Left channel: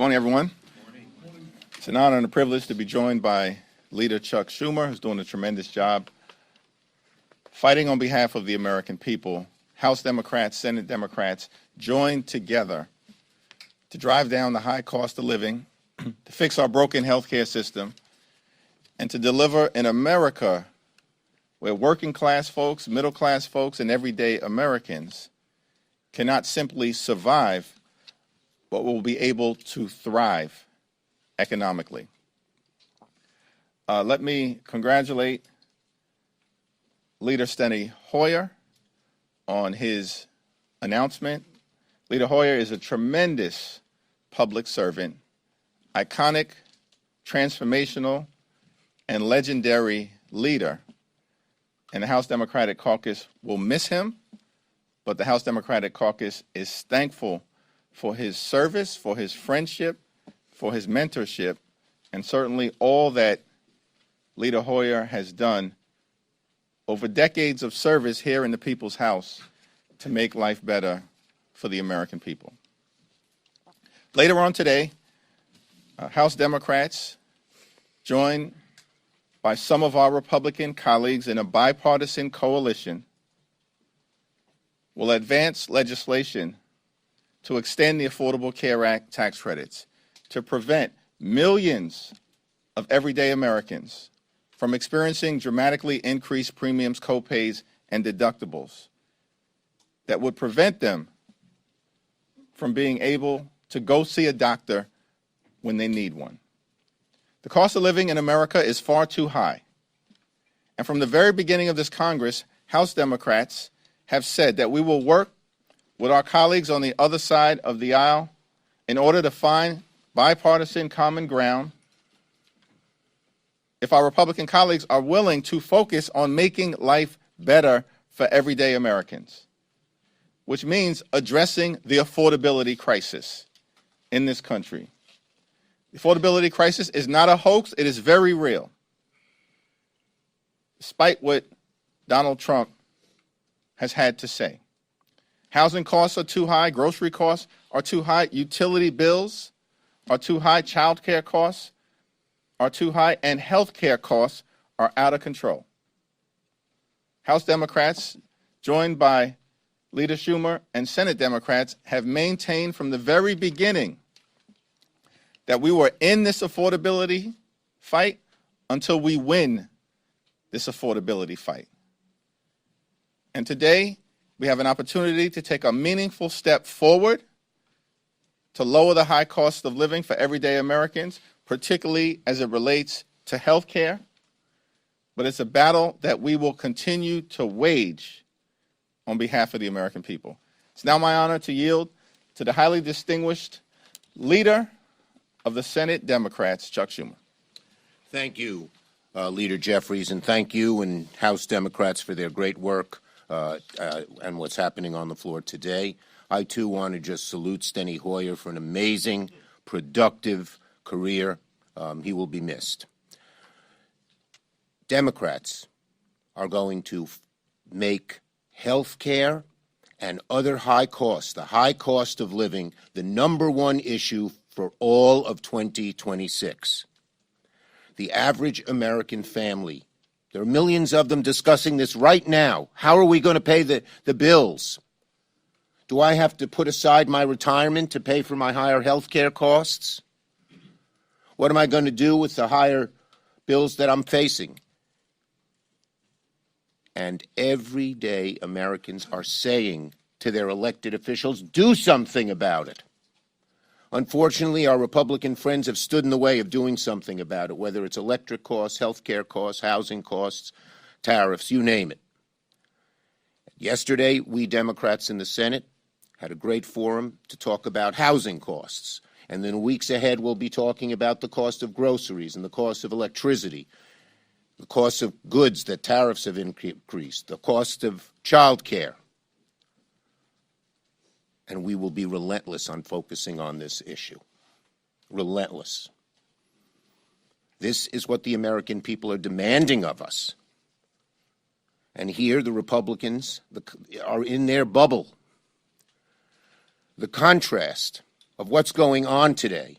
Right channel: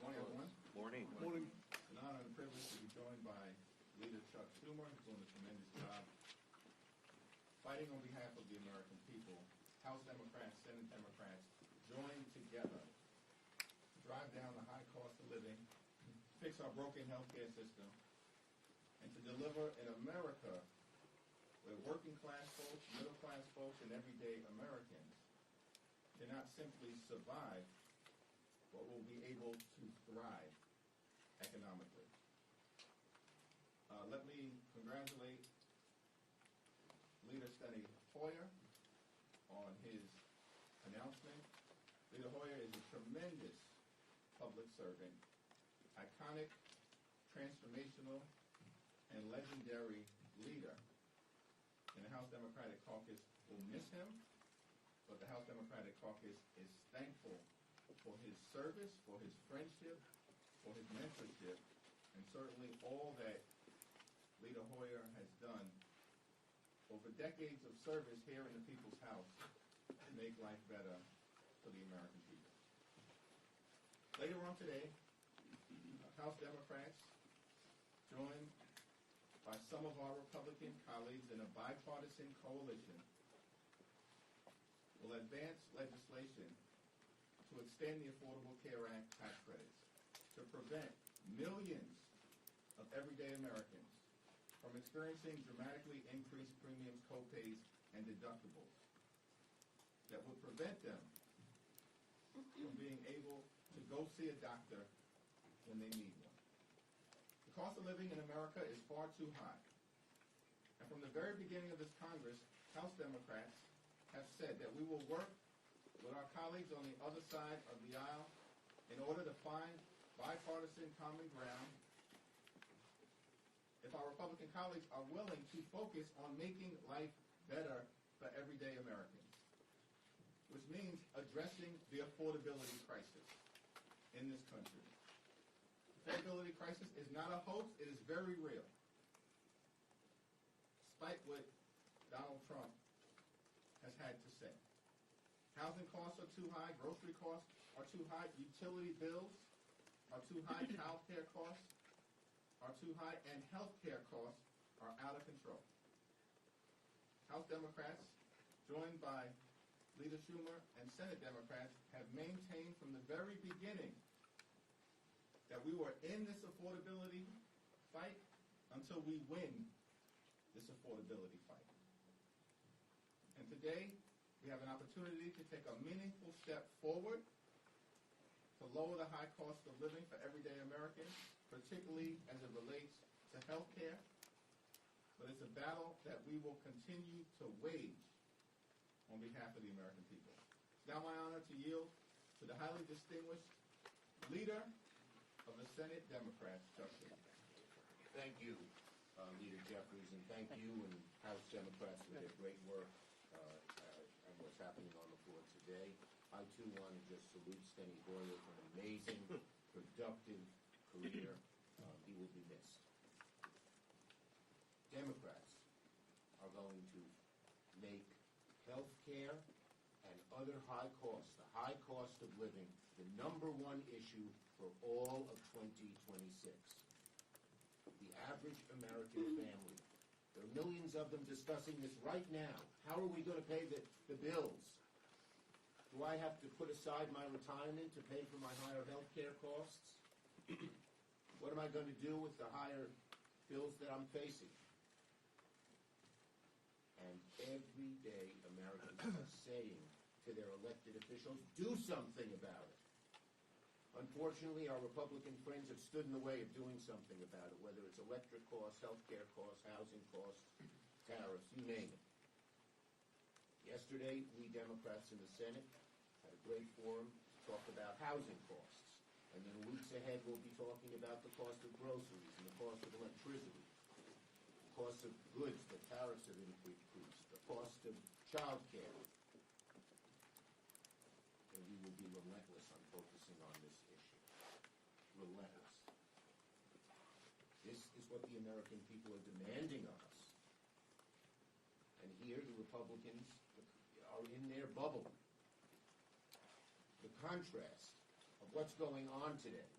Morning, everyone. It's an honor and a privilege to be joined by Leader Chuck Schumer, who's doing a tremendous job fighting on behalf of the American people. House Democrats, Senate Democrats joined together to drive down the high cost of living, to fix our broken healthcare system, and to deliver an America where working class folks, middle class folks, and everyday Americans cannot simply survive, but will be able to thrive economically. Let me congratulate Leader Steny Hoyer on his announcement. Leader Hoyer is a tremendous public servant, iconic, transformational, and legendary leader. And the House Democratic Caucus will miss him, but the House Democratic Caucus is thankful for his service, for his friendship, for his mentorship, and certainly all that Leader Hoyer has done over decades of service here in the People's House to make life better for the American people. Later on today, House Democrats, joined by some of our Republican colleagues in a bipartisan coalition, will advance legislation to extend the Affordable Care Act tax credits to prevent millions of everyday Americans from experiencing dramatically increased premiums, copays, and deductibles that would prevent them from being able to go see a doctor when they need one. The cost of living in America is far too high. And from the very beginning of this Congress, House Democrats have said that we will work with our colleagues on the other side of the aisle in order to find bipartisan common ground if our Republican colleagues are willing to focus on making life better for everyday Americans, which means addressing the affordability crisis in this country. The affordability crisis is not a hoax, it is very real. Despite what Donald Trump has had to say. Housing costs are too high, grocery costs are too high, utility bills are too high, child care costs are too high, and health care costs are out of control. House Democrats, joined by Leader Schumer and Senate Democrats, have maintained from the very beginning that we were in this affordability fight until we win this affordability fight. And today, we have an opportunity to take a meaningful step forward to lower the high cost of living for everyday Americans, particularly as it relates to health care. But it's a battle that we will continue to wage on behalf of the American people. It's now my honor to yield to the highly distinguished leader of the Senate Democrats, Chuck Schumer. Thank you, Leader Jeffries, and thank you and House Democrats for their great work and what's happening on the floor today. I, too, want to just salute Steny Hoyer for an amazing, productive career. He will be missed. Democrats are going to make health care and other high costs, the high cost of living, the #1 issue for all of 2026. The average American family, there are millions of them discussing this right now. How are we going to pay the bills? Do I have to put aside my retirement to pay for my higher health care costs? What am I going to do with the higher bills that I'm facing? And everyday Americans are saying to their elected officials, do something about it. Unfortunately, our Republican friends have stood in the way of doing something about it, whether it's electric costs, health care costs, housing costs, tariffs, you name it. Yesterday, we Democrats in the Senate had a great forum to talk about housing costs. And then weeks ahead, we'll be talking about the cost of groceries and the cost of electricity, the cost of goods that tariffs have increased, the cost of child care. And we will be relentless on focusing on this issue. Relentless. This is what the American people are demanding of us. And here the Republicans are in their bubble. The contrast of what's going on today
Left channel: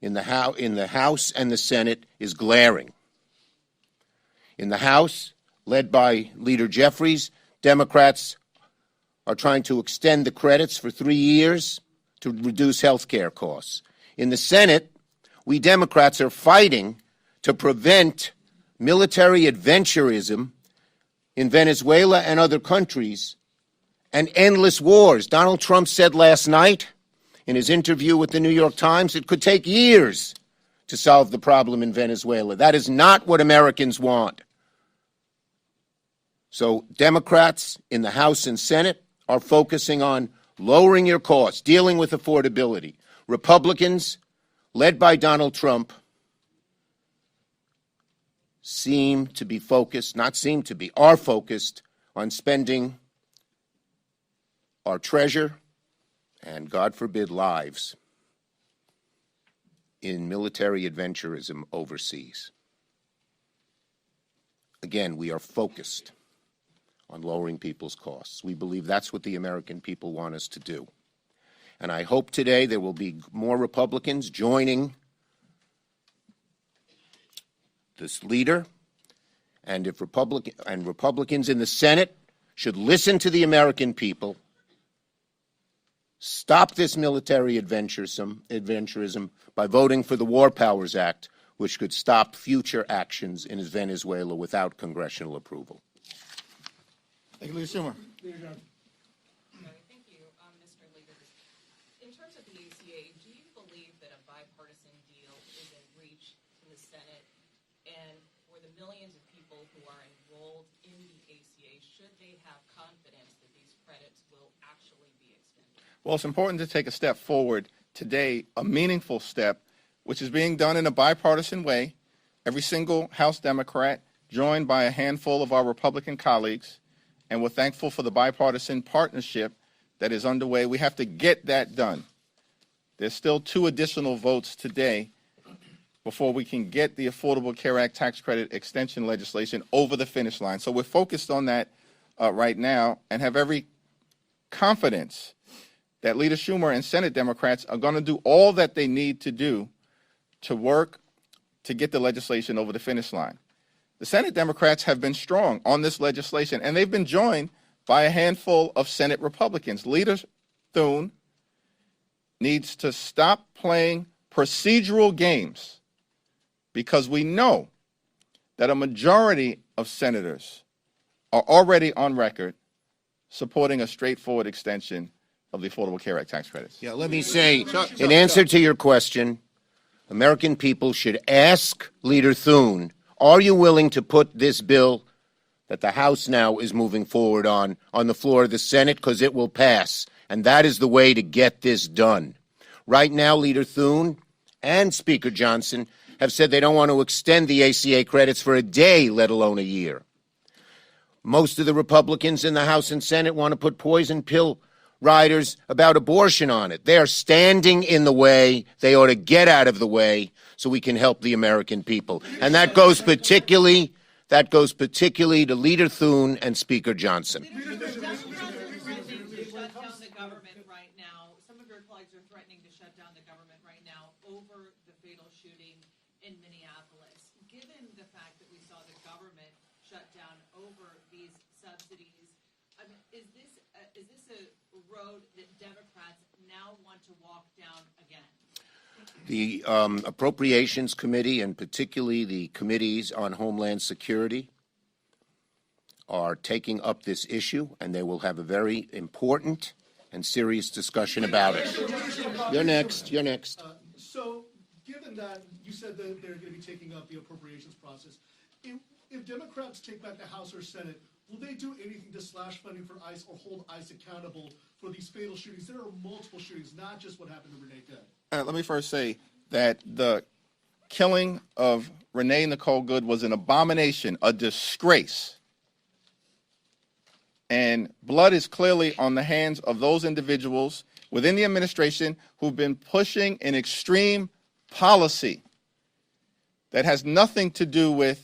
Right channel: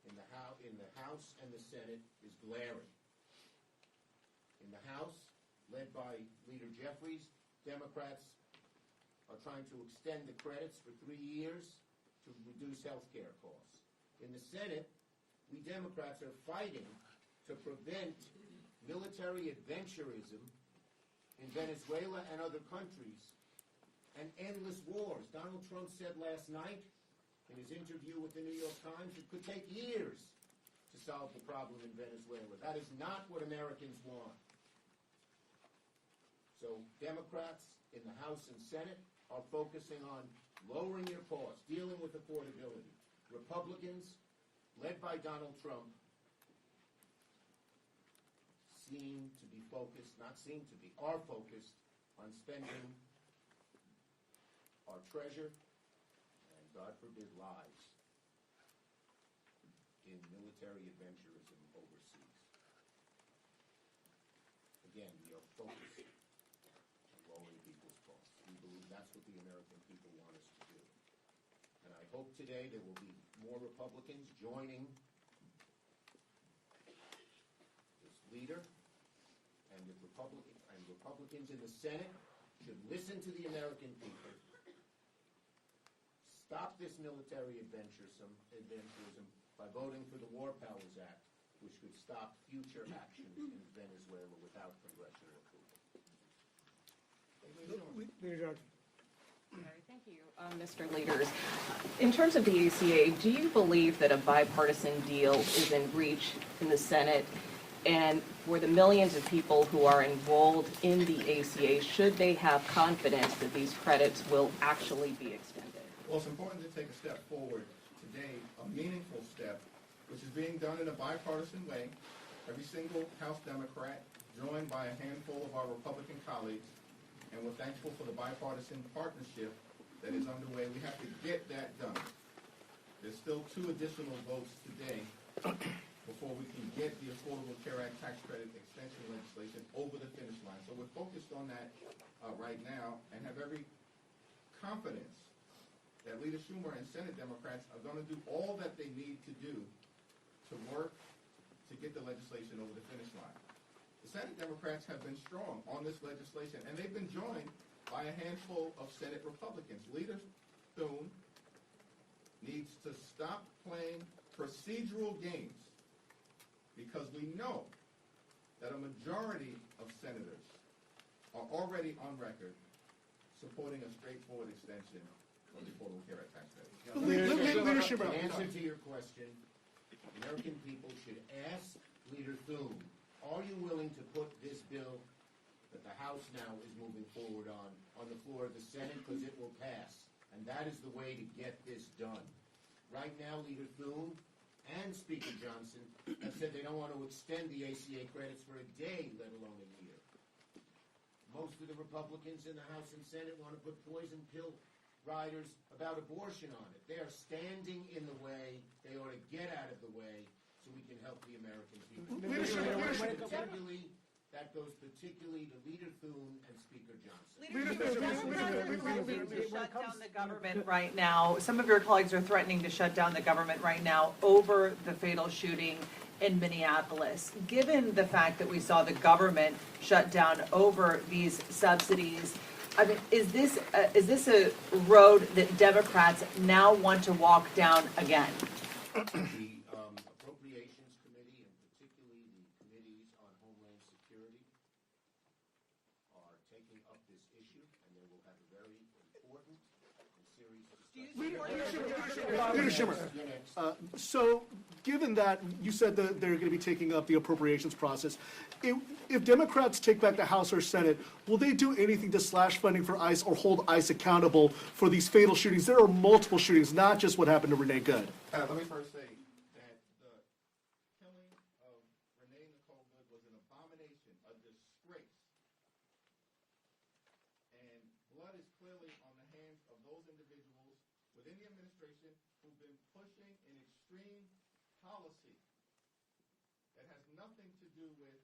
in the House and the Senate is glaring. In the House, led by Leader Jeffries, Democrats are trying to extend the credits for 3 years to reduce health care costs. In the Senate, we Democrats are fighting to prevent military adventurism in Venezuela and other countries and endless wars. Donald Trump said last night in his interview with the New York Times it could take years to solve the problem in Venezuela. That is not what Americans want. So Democrats in the House and Senate are focusing on lowering your costs, dealing with affordability. Republicans, led by Donald Trump, are focused on spending our treasure and, God forbid, lives in military adventurism overseas. Again, we are focused on lowering people's costs. We believe that's what the American people want us to do. And I hope today there will be more Republicans joining this leader, and if Republicans in the Senate should listen to the American people, stop this military adventurism by voting for the War Powers Act, which could stop future actions in Venezuela without congressional approval. Thank you, Leader Schumer. Thank you, Mr. Leaders. In terms of the ACA, do you believe that a bipartisan deal is in reach in the Senate? And for the millions of people who are enrolled in the ACA, should they have confidence that these credits will actually be extended? Well, it's important to take a step forward today, a meaningful step, which is being done in a bipartisan way. Every single House Democrat, joined by a handful of our Republican colleagues, and we're thankful for the bipartisan partnership that is underway. We have to get that done. There's still 2 additional votes today before we can get the Affordable Care Act tax credit extension legislation over the finish line. So we're focused on that right now and have every confidence that Leader Schumer and Senate Democrats are going to do all that they need to do to work to get the legislation over the finish line. The Senate Democrats have been strong on this legislation, and they've been joined by a handful of Senate Republicans. Leader Thune needs to stop playing procedural games, because we know that a majority of senators are already on record supporting a straightforward extension of the Affordable Care Act tax credits. Yeah, let me say, in answer to your question, American people should ask Leader Thune, are you willing to put this bill that the House now is moving forward on the floor of the Senate, because it will pass, and that is the way to get this done. Right now, Leader Thune and Speaker Johnson have said they don't want to extend the ACA credits for a day, let alone a year. Most of the Republicans in the House and Senate want to put poison pill riders about abortion on it. They are standing in the way. They ought to get out of the way so we can help the American people. And that goes particularly to Leader Thune and Speaker Johnson. Government right now. Some of your colleagues are threatening to shut down the government right now over the fatal shooting in Minneapolis. Given the fact that we saw the government shut down over these subsidies, I mean, is this a road that Democrats now want to walk down again? The Appropriations Committee, and particularly the committees on Homeland Security, are taking up this issue, and they will have a very important and serious discussion about it. You're next. You're next. So, given that you said that they're going to be taking up the appropriations process, if Democrats take back the House or Senate, will they do anything to slash funding for ICE or hold ICE accountable for these fatal shootings? There are multiple shootings, not just what happened to Renee Good. Let me first say that the killing of Renee Nicole Good was an abomination, a disgrace. And blood is clearly on the hands of those individuals within the administration who've been pushing an extreme policy that has nothing to do with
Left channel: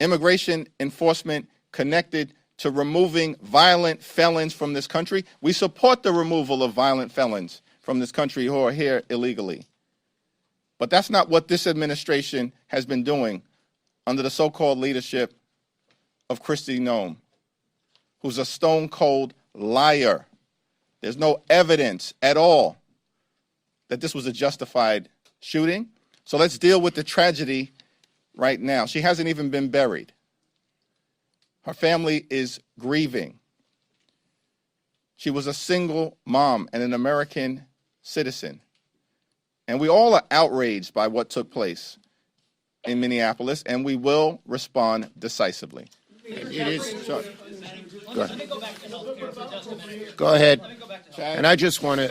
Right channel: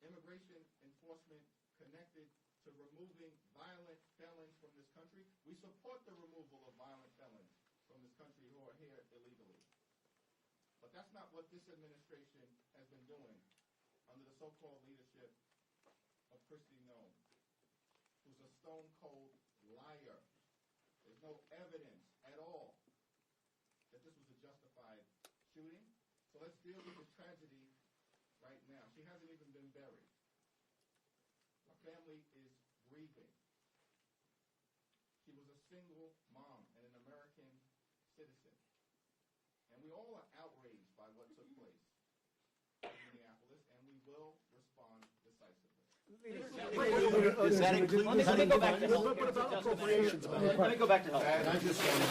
immigration enforcement connected to removing violent felons from this country. We support the removal of violent felons from this country who are here illegally. But that's not what this administration has been doing under the so-called leadership of Kristi Noem, who's a stone-cold liar. There's no evidence at all that this was a justified shooting. So let's deal with the tragedy right now. She hasn't even been buried. Her family is grieving. She was a single mom and an American citizen. And we all are outraged by what took place in Minneapolis, and we will respond decisively. Go ahead. And I just want to,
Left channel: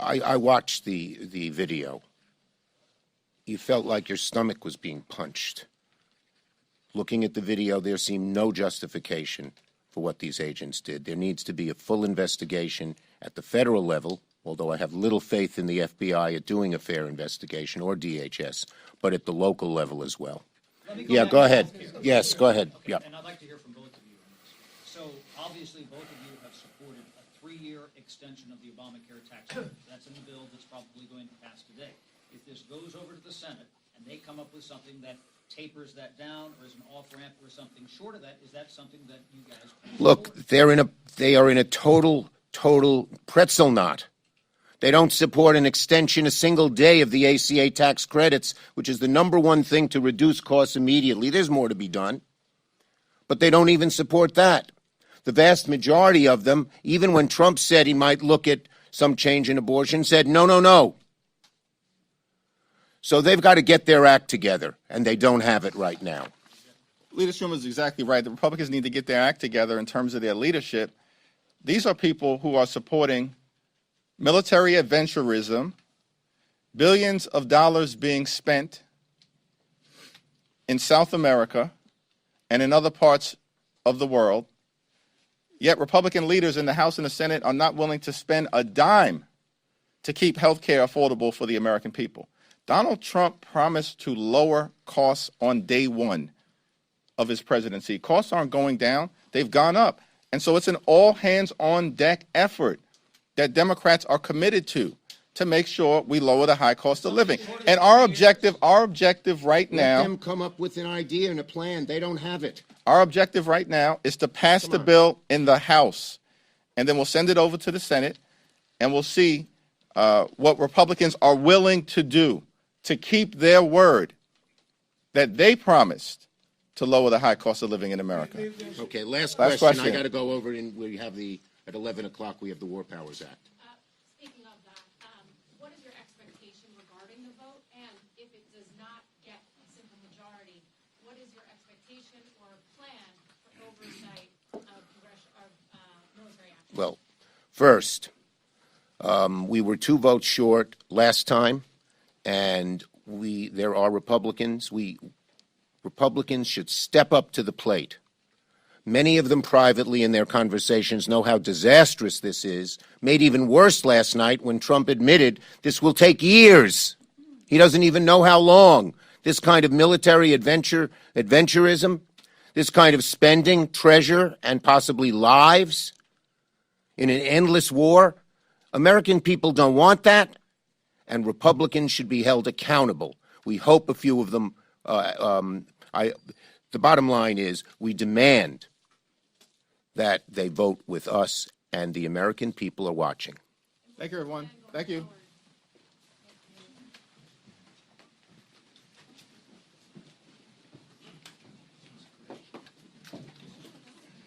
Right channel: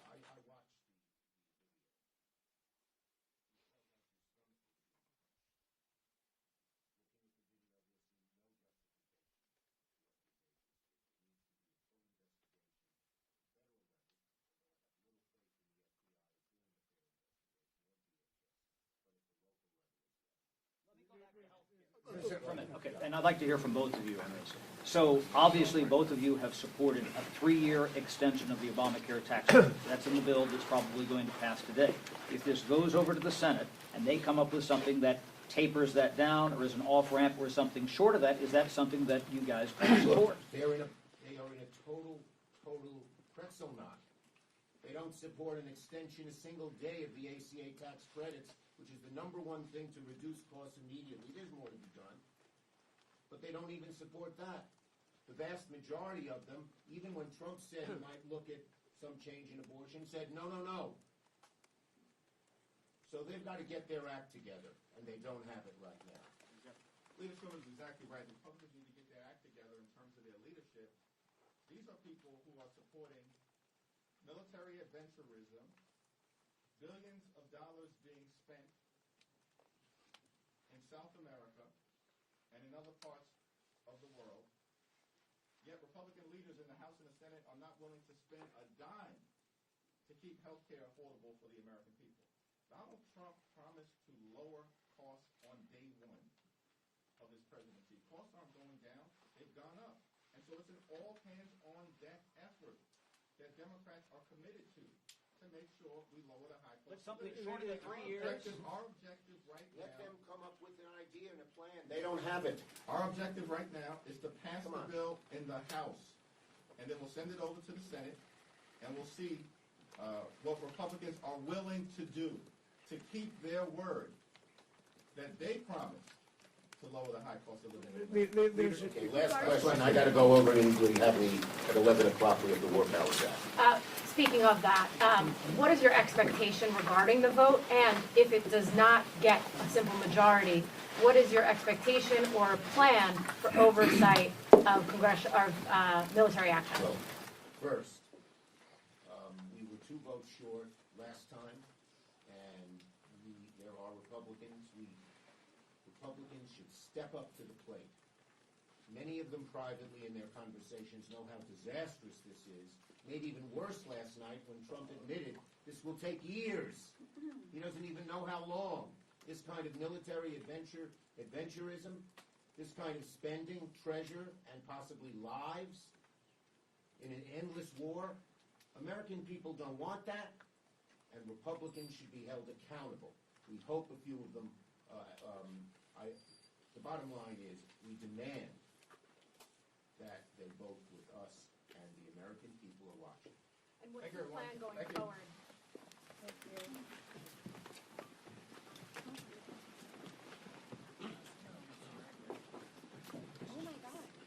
I watched the video. You felt like your stomach was being punched. Looking at the video, there seemed no justification for what these agents did. There needs to be a full investigation at the federal level, although I have little faith in the FBI at doing a fair investigation, or DHS, but at the local level as well. Yeah, go ahead. Yes, go ahead. Okay. Yeah. And I'd like to hear from both of you on this. So obviously, both of you have supported a 3-year extension of the Obamacare tax credit. That's in the bill that's probably going to pass today. If this goes over to the Senate and they come up with something that tapers that down or is an off-ramp or something short of that, is that something that you guys support? Look, they are in a total pretzel knot. They don't support an extension a single day of the ACA tax credits, which is the #1 thing to reduce costs immediately. There's more to be done. But they don't even support that. The vast majority of them, even when Trump said he might look at some change in abortion, said no, no, no. So they've got to get their act together, and they don't have it right now. Leader Schumer is exactly right. The Republicans need to get their act together in terms of their leadership. These are people who are supporting military adventurism, billions of dollars being spent in South America and in other parts of the world. Yet Republican leaders in the House and the Senate are not willing to spend a dime to keep health care affordable for the American people. Donald Trump promised to lower costs on day one of his presidency. Costs aren't going down, they've gone up. And so it's an all-hands-on-deck effort that Democrats are committed to make sure we lower the high cost of living. And our objective right now— Let them come up with an idea and a plan. They don't have it. Our objective right now is to pass the bill in the House, and then we'll send it over to the Senate, and we'll see what Republicans are willing to do to keep their word that they promised to lower the high cost of living in America. Okay, last Last question. question. I got to go over and we have at 11 o'clock we have the War Powers Act. Speaking of that, what is your expectation regarding the vote? And if it does not get a simple majority, what is your expectation or plan for oversight of military action? Well, first, we were 2 votes short last time, and there are Republicans. Republicans should step up to the plate. Many of them privately in their conversations know how disastrous this is. Made even worse last night when Trump admitted this will take years. He doesn't even know how long. This kind of military adventurism, this kind of spending treasure and possibly lives in an endless war. American people don't want that, and Republicans should be held accountable. We hope a few of them the bottom line is we demand that they vote with us, and the American people are watching. Thank you, everyone. Thank you.